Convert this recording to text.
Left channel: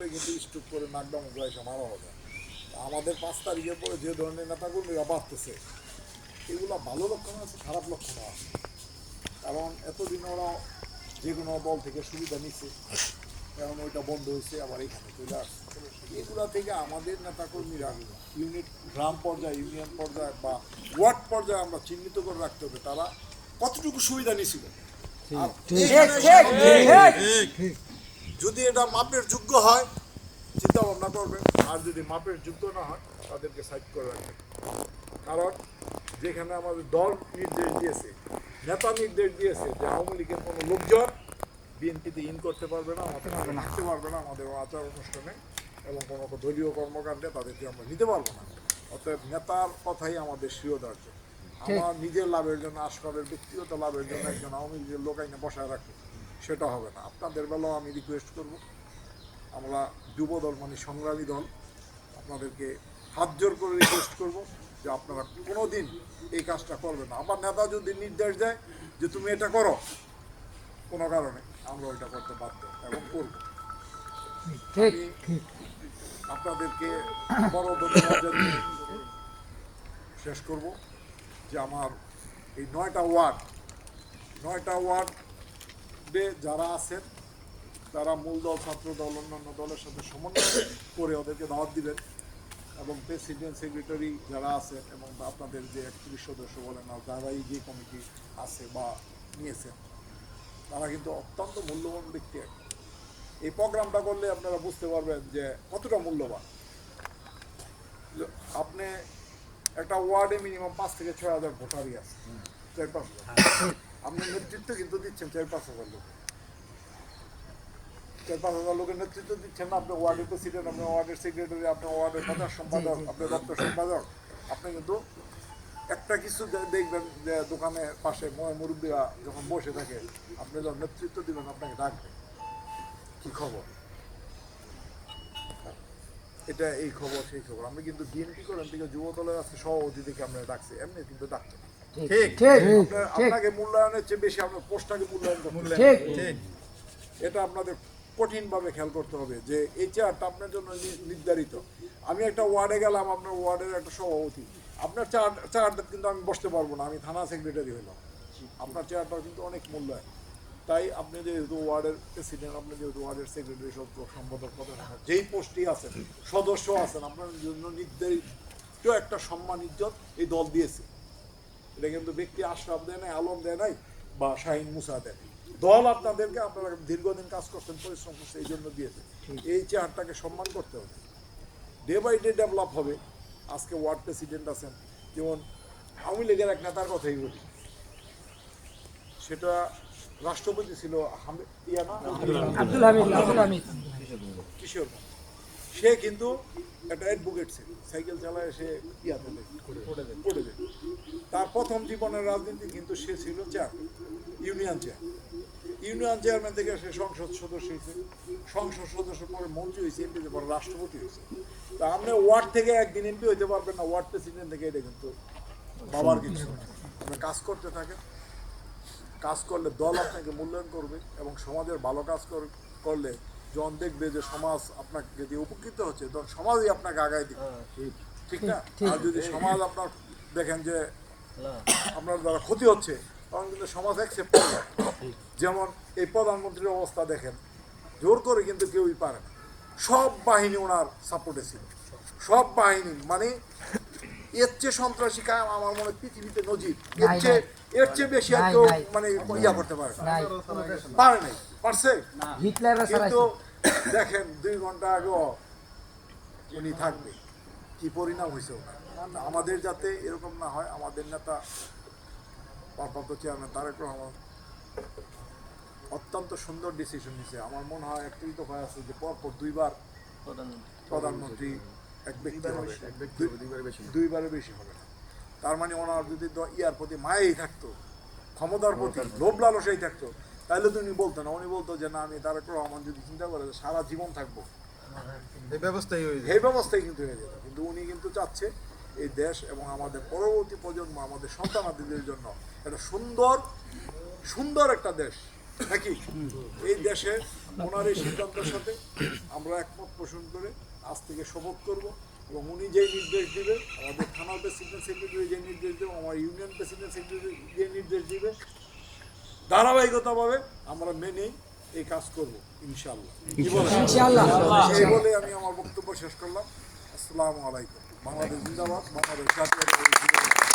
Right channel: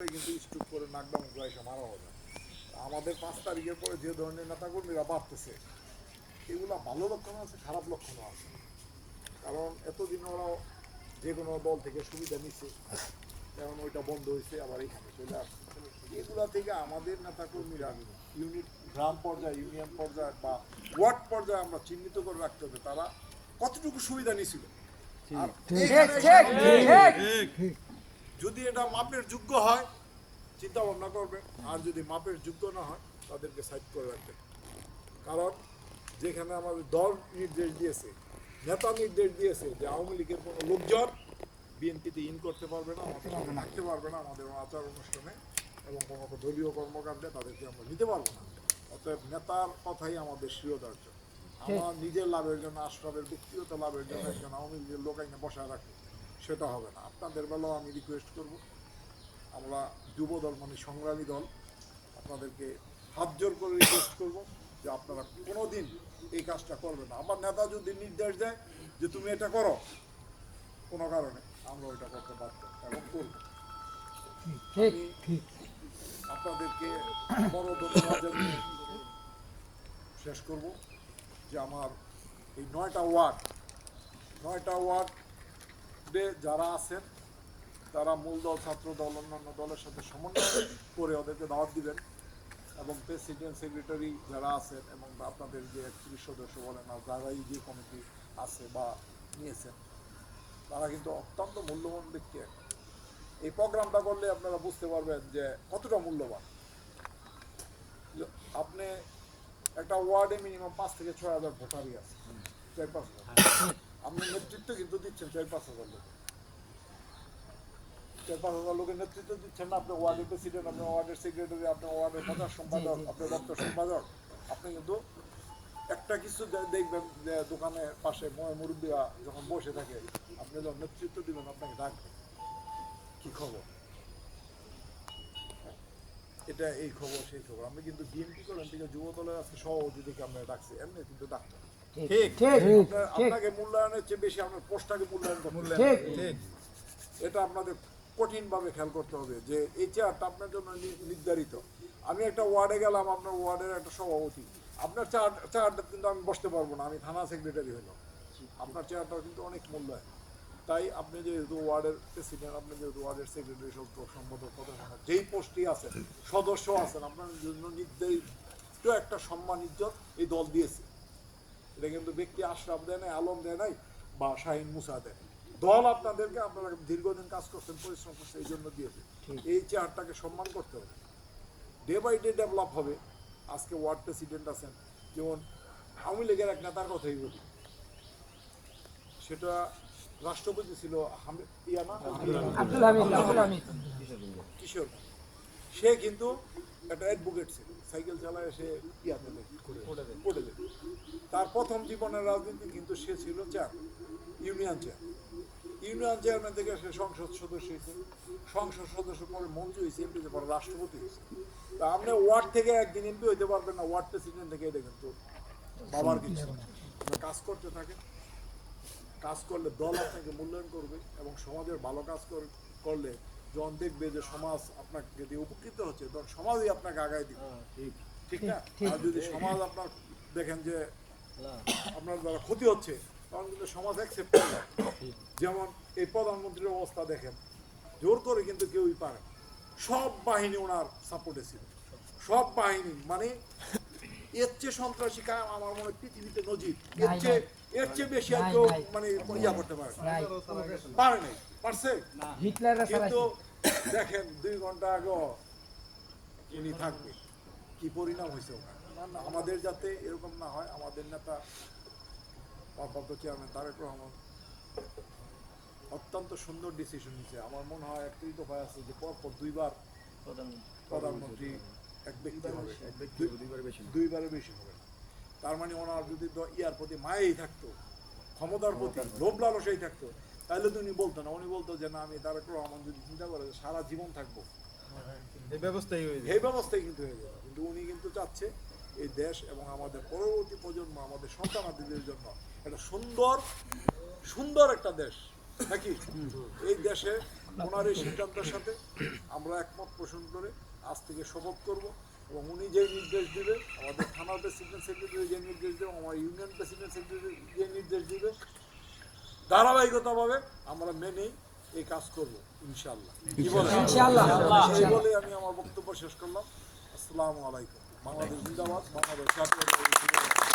কিন্তু স্ট্রোক করে নাকডাউন এসে মারা হবে। আমাদের 5 তারিখের পরে যে ধরনের নেতাকর্মীরা বাড়তেছে, এগুলো ভালো লক্ষণ আছে, খারাপ লক্ষণ আছে। কারণ এতদিন ওরা যে কোনো দল থেকে সুবিধা নিচ্ছে, এখন ওইটা বন্ধ হয়েছে, আবার এখানে চলে আসছে। এগুলা থেকে আমাদের নেতাকর্মীরা ইউনিট গ্রাম পর্যায়ে, ইউনিয়ন পর্যায়ে বা ওয়ার্ড পর্যায়ে আমরা চিহ্নিত করে রাখতে হবে তারা কতটুকু সুবিধা নিছিল। যদি এটা মাপের যোগ্য হয় চিন্তা ভাবনা করবেন, আর যদি মাপের যোগ্য না হয় তাদেরকে সাইড করে রাখবেন। কারণ যেখানে আমাদের দল নির্দেশ দিয়েছে, নেতা নির্দেশ দিয়েছে যে আওয়ামী লীগের কোনো লোকজন বিএনপিতে ইন করতে পারবে না, আমাদের নিতে পারবে না আমাদের আচার অনুষ্ঠানে এবং কোনো দলীয় কর্মকাণ্ডে তাদেরকে আমরা নিতে পারবো না। অতএব নেতার কথাই আমাদের শিরোধার্য। আমার নিজের লাভের জন্য, আসনের ব্যক্তিগত লাভের জন্য একজন আওয়ামী লীগের লোক আইনে বসায় রাখি, সেটা হবে না। আপনাদের বেলাও আমি রিকোয়েস্ট করব, আমরা যুব দল মানে সংগ্রামী দল, আপনাদেরকে হাত জোর করে রিকোয়েস্ট করব যে আপনারা কোনো দিন এই কাজটা করবেন না। আমার নেতা যদি নির্দেশ দেয় যে তুমি এটা করো, কোনো কারণে আমরা ওইটা করতে বাধ্য এবং করব। আপনাদেরকে বড় ধন্যবাদ জানিয়ে শেষ করব যে আমার এই 9টা ওয়ার্ডে যারা আছেন তারা মূল দল, ছাত্র দল, অন্যান্য দলের সাথে সমন্বয় করে ওদেরকে দাওয়াত দিবেন এবং প্রেসিডেন্ট, সেক্রেটারি যারা আছেন এবং আপনাদের যে 31 সদস্য বলেন না, যারাই যে কমিটি আছে বা নিয়েছেন, তারা কিন্তু অত্যন্ত মূল্যবান ব্যক্তি। এই প্রোগ্রামটা করলে আপনারা বুঝতে পারবেন যে কতটা মূল্যবান। আপনি একটা ওয়ার্ডে মিনিমাম 5 থেকে 6 হাজার ভোটারই আছে, 4-5 আপনি নেতৃত্ব কিন্তু দিচ্ছেন 4-5 হাজার লোক, 4-5 হাজার লোকের নেতৃত্ব দিচ্ছেন না। আপনি ওয়ার্ডের প্রেসিডেন্ট, আপনার ওয়ার্ডের সেক্রেটারি, আপনার ওয়ার্ডের প্রধান সম্পাদক, আপনার দপ্তর সম্পাদক, আপনি কিন্তু একটা কিছু দেখবেন যে দোকানে পাশে মুরব্বীরা যখন বসে থাকে, আপনি যখন নেতৃত্ব দিবেন আপনাকে ডাকবেন, কি খবর, এটা এই খবর সেই খবর। আমি কিন্তু বিএনপি করেন থেকে যুব দলের আজকে সভাপতি থেকে আপনাকে ডাকছি, এমনি কিন্তু ডাকছে না। আপনাকে মূল্যায়নের চেয়ে বেশি আপনার পোস্টটাকে মূল্যায়ন করতে, এটা আপনাদের কঠিনভাবে খেয়াল করতে হবে যে এই চেয়ারটা আপনার জন্য নির্ধারিত। আমি একটা ওয়ার্ডে গেলাম, আপনার ওয়ার্ডের একটা সভাপতি, আপনার চেয়ারটা কিন্তু আমি বসতে পারবো না, আমি থানা সেক্রেটারি হইলাম। আপনার চেয়ারটাও কিন্তু অনেক মূল্যায়ন। তাই আপনি যেহেতু ওয়ার্ডের প্রেসিডেন্ট, আপনি যেহেতু ওয়ার্ডের সেক্রেটারি, সম্পাদক, যেই পোস্টেই আছেন, সদস্য আছেন, আপনার জন্য নির্ধারিত একটা সম্মান ইজ্জত এই দল দিয়েছে। এটা কিন্তু ব্যক্তি আশরাফ দেয় নাই, আলম দেয় নাই বা শাহিন মুসা দেয়। দল আপনাদেরকে, আপনারা দীর্ঘদিন কাজ করছেন, পরিশ্রম করছে, এই জন্য দিয়েছে। এই চেয়ারটাকে সম্মান করতে হবে। ডে বাই ডে ডেভেলপ হবে। আজকে ওয়ার্ড প্রেসিডেন্ট আছেন, যেমন আওয়ামী লীগের এক নেতার কথাই বলি, সেটা রাষ্ট্রপতি ছিল কিশোর। সে কিন্তু একটা অ্যাডভোকেট ছিল, সাইকেল চালায় সে পড়ে যায়। তার প্রথম জীবনের রাজনীতি কিন্তু সে ছিল ইউনিয়ন চেয়ারম্যান থেকে সে সংসদ সদস্য হয়েছে, সংসদ সদস্য পরে মন্ত্রী হয়েছে, এমপি পরে রাষ্ট্রপতি হয়েছে। তা আপনি ওয়ার্ড থেকে একদিন এমপি হইতে পারবেন না, ওয়ার্ড প্রেসিডেন্ট থেকে, এটা কিন্তু বাবার কিছু। কাজ করতে থাকে, কাজ করলে দল আপনাকে মূল্যায়ন করবে এবং সমাজের ভালো কাজ করলে যখন দেখবে যে সমাজ আপনাকে দিয়ে উপকৃত হচ্ছে, তখন সমাজই আপনাকে আগায় দিবে, ঠিক না? আর যদি সমাজ আপনার দেখেন যে আপনার দ্বারা ক্ষতি হচ্ছে, তখন কিন্তু সমাজ অ্যাকসেপ্ট করবে। যেমন এই প্রধানমন্ত্রীর অবস্থা দেখেন, জোর করে কিন্তু কেউই পারে না, সব বাহিনী ওনার সাপোর্টে ছিল, সব বাহিনী, মানে এর চেয়ে সন্ত্রাসী কায়াম আমার মনে পৃথিবীতে নজির, এর চেয়ে বেশি আর কেউ মানে ইয়া করতে পারে নাই, পারছে। কিন্তু দেখেন 2 ঘন্টা আগে উনি থাকবে, কি পরিণাম হয়েছে ওনার। আমাদের যাতে এরকম না হয়, আমাদের নেতা ভারপ্রাপ্ত চেয়ারম্যান তারেক রহমান অত্যন্ত সুন্দর ডিসিশন নিয়েছে। আমার মনে হয় একটি তো ভয় আছে যে পরপর 2বার প্রধানমন্ত্রী এক ব্যক্তি হবে, 2বারের বেশি হবে না। তার মানে ওনার যদি ইয়ার প্রতি মায়েই থাকতো, ক্ষমতার প্রতি লোভ লালসাই থাকতো, তাহলে তো উনি বলতো না। উনি বলতো যে না, আমি তারেক রহমান যদি চিন্তা করে সারা জীবন থাকবো, এই ব্যবস্থাই কিন্তু হয়ে যেত। কিন্তু উনি কিন্তু চাচ্ছে এই দেশ এবং আমাদের পরবর্তী প্রজন্ম, আমাদের সন্তানাদিদের জন্য একটা সুন্দর একটা দেশ নাকি এই দেশে ওনার এই সিদ্ধান্তের সাথে আমরা একমত পোষণ করে আজ থেকে শপথ করব এবং উনি যেই নির্দেশ দিবে, আমাদের থানা প্রেসিডেন্ট সেক্রেটারি যে নির্দেশ দেবে, আমার ইউনিয়ন প্রেসিডেন্ট সেক্রেটারি যে নির্দেশ দিবে, ধারাবাহিকতাভাবে আমরা মেনেই এই কাজ করব ইনশাআল্লাহ। এই বলে আমি আমার বক্তব্য শেষ করলাম। আসসালামু আলাইকুম। বাংলাদেশ জিন্দাবাদ, বাংলাদেশ জাতীয়